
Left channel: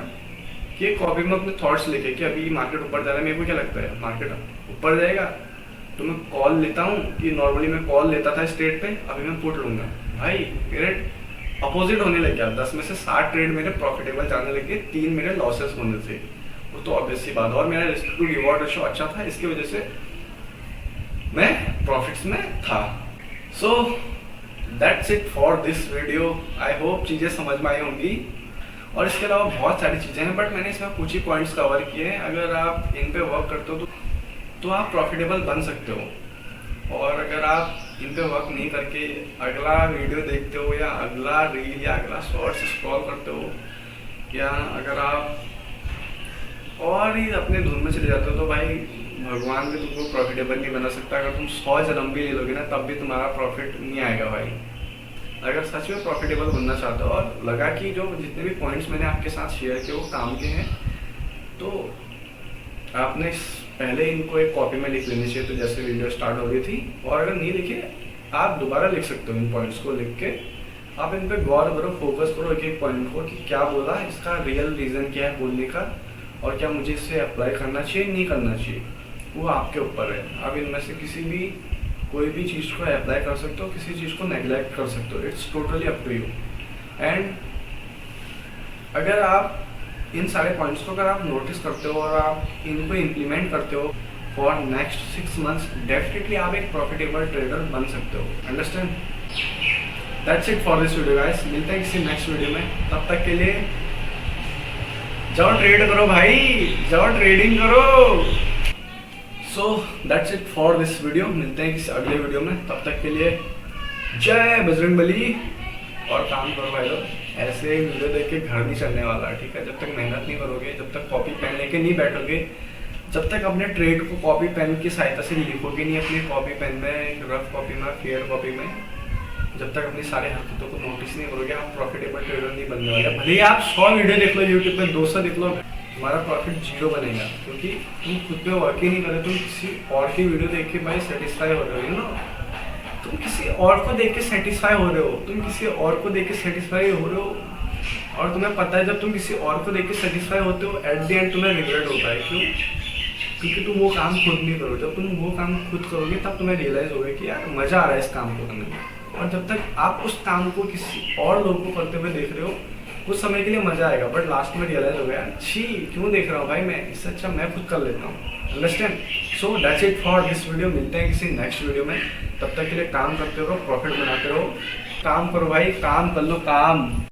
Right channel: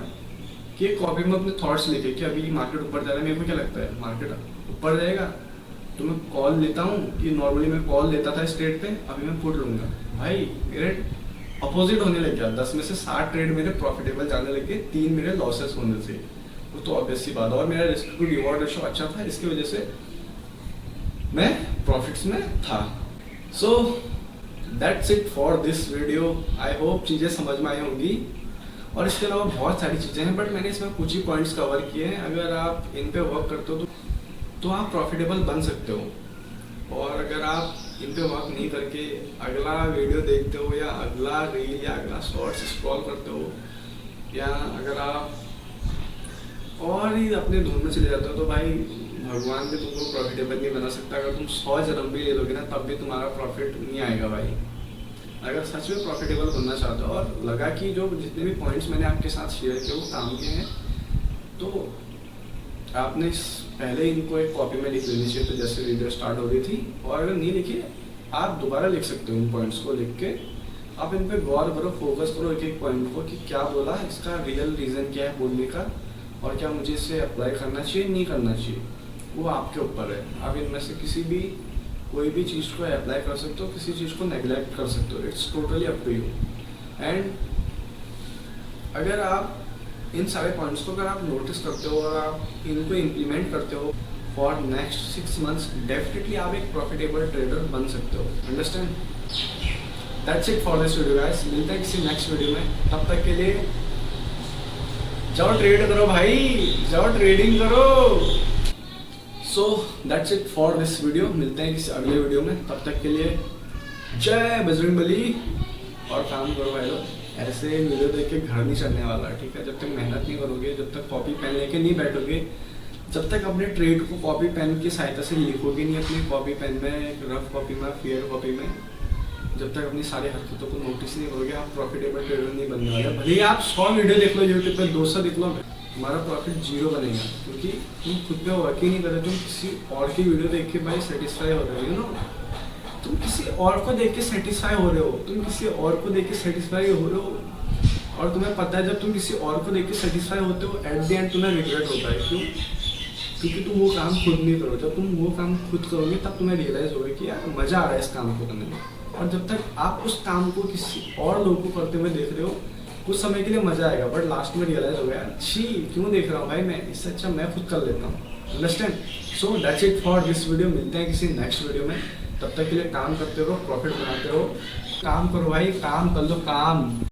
कि कॉपी में अपने थॉट्स लेके कि अभी मार्केट ऊपर जा रहा है, मेरे को क्या लगता है मार्केट ऊपर जाएगा, तो मैं कॉल लेता हूँ कि नॉर्मली मैं कॉल लेता था स्ट्रेट पे, अभी मैं पुट लूँगा। भाई मेरे अपोजिट होने लग गया, 10 में से 7 ट्रेड मेरे प्रॉफिटेबल जाने लगे, 3 मेरे लॉसेस होने से। वो तो ऑब्वियस सी बात है। और मेरा रिस्क टू रिवॉर्ड रेशो अच्छा था, इसकी वजह से मैं प्रॉफिट्स में था। So that's it for this video. I hope चीज़ें समझ में आई होंगी। और इसके अलावा बहुत सारी चीज़ें हैं बट मैंने इसमें कुछ ही पॉइंट्स कवर किए हैं। अगर आप इन पे वर्क करते हो तो आप प्रॉफिटेबल बन सकते हो। और अगर आप इन पे वर्क नहीं करके अगला वीडियो देखते हो या अगला रील या अगला शॉर्ट्स स्क्रॉल करते हो, या अगर आप और ही अपने धुन में चले जाते हो, तो भाई भगवान भी तुमको प्रॉफिटेबल नहीं बना सकता। अगर तुम 100 जन्म भी ले लोगे ना तब भी तुम्हारा प्रॉफिट नहीं आएगा भाई। अगर सच में प्रॉफिटेबल बनना चाहते हो और लगा कि जो जितने भी पॉइंट्स मैंने आपके साथ शेयर किए वो काम के हैं, तो आपने पहले इनको एक कॉपी में लिख लेनी चाहिए। तो जैसे वीडियो स्टार्ट हो रही थी, और अगर नहीं लिखे आप दोबारा लिख सकते हो इन पॉइंट्स को, लिख के आप इन पे गौर करो, फोकस करो एक एक पॉइंट को कि क्या बोला, इसका रियल रीज़न क्या है बोलने का, और क्या मुझे इसे अप्लाई करना चाहिए नहीं करना चाहिए, वो आपके ऊपर है। आप इनमें से किसी भी कोई भी चीज़ को अप्लाई कर सकते हो, किसी चीज़ को नेग्लेक्ट कर सकते हो, it's totally up to you. And अगर आप इन सारे पॉइंट्स को अगर आप नोटिस करते हो और आप इनको इम्प्लीमेंट करते हो फॉर नेक्स्ट 6 मंथ्स, डेफिनेटली आप एक प्रॉफिटेबल ट्रेडर बन सकते हो। Understand? That's it for this video guys. मिलते हैं किसी नेक्स्ट वीडियो में, तब तक के लिए जाओ ट्रेड करो भाई, जाओ ट्रेडिंग करो। So that's it for this video. मिलते हैं किसी अगले वीडियो में, तब तक के लिए जय बजरंग बली। और काम करो भाई लोग, ऐसे वीडियो देख के घर नहीं चढ़ने वाला, ठीक है। जब तक मेहनत नहीं करोगे, जब तक कॉपी पेन लेके नहीं बैठोगे, जब तक अपने ट्रेड को कॉपी पेन की सहायता से लिखोगे नहीं अपनी कॉपी पेन में, रफ कॉपी में, फेयर कॉपी में, जब तक अपनी सारी हरकतों को नोटिस नहीं करोगे, आप प्रॉफिटेबल ट्रेडर नहीं बनने वाले। भले ही आप 100 वीडियो देख लो यूट्यूब पे, 200 देख लो, तुम्हारा प्रॉफिट 0 बनेगा, क्योंकि तुम खुद पे वर्क ही नहीं कर रहे। तुम किसी और की वीडियो देख के भाई सेटिस्फाई हो रहे हो, यू नो। तुम किसी और को देख के सेटिस्फाई हो रहे हो, तुम किसी और को देख के सेटिस्फाई हो रहे हो, और तुम्हें पता है जब तुम किसी और को देख के सेटिस्फाई होते हो, एट द एंड तुम्हें रिग्रेट होता है। क्यों? क्योंकि तुम वो काम खुद नहीं करो। जब तुम वो काम खुद करोगे तब तुम्हें रियलाइज होगा कि यार मज़ा आ रहा है इस काम को करने में। और जब तक आप उस काम को किसी और लोग को करते हुए देख रहे हो, कुछ समय के लिए मज़ा आएगा, बट लास्ट में रियलाइज हो गया छी क्यों देख रहा हूँ भाई मैं, इससे अच्छा मैं खुद कर लेता हूँ। Understand? So that's it for this video. मिलते हैं किसी नेक्स्ट वीडियो में, तब तक के लिए काम करते रहो, प्रॉफिट बनाते रहो। काम करो भाई, काम कर लो काम।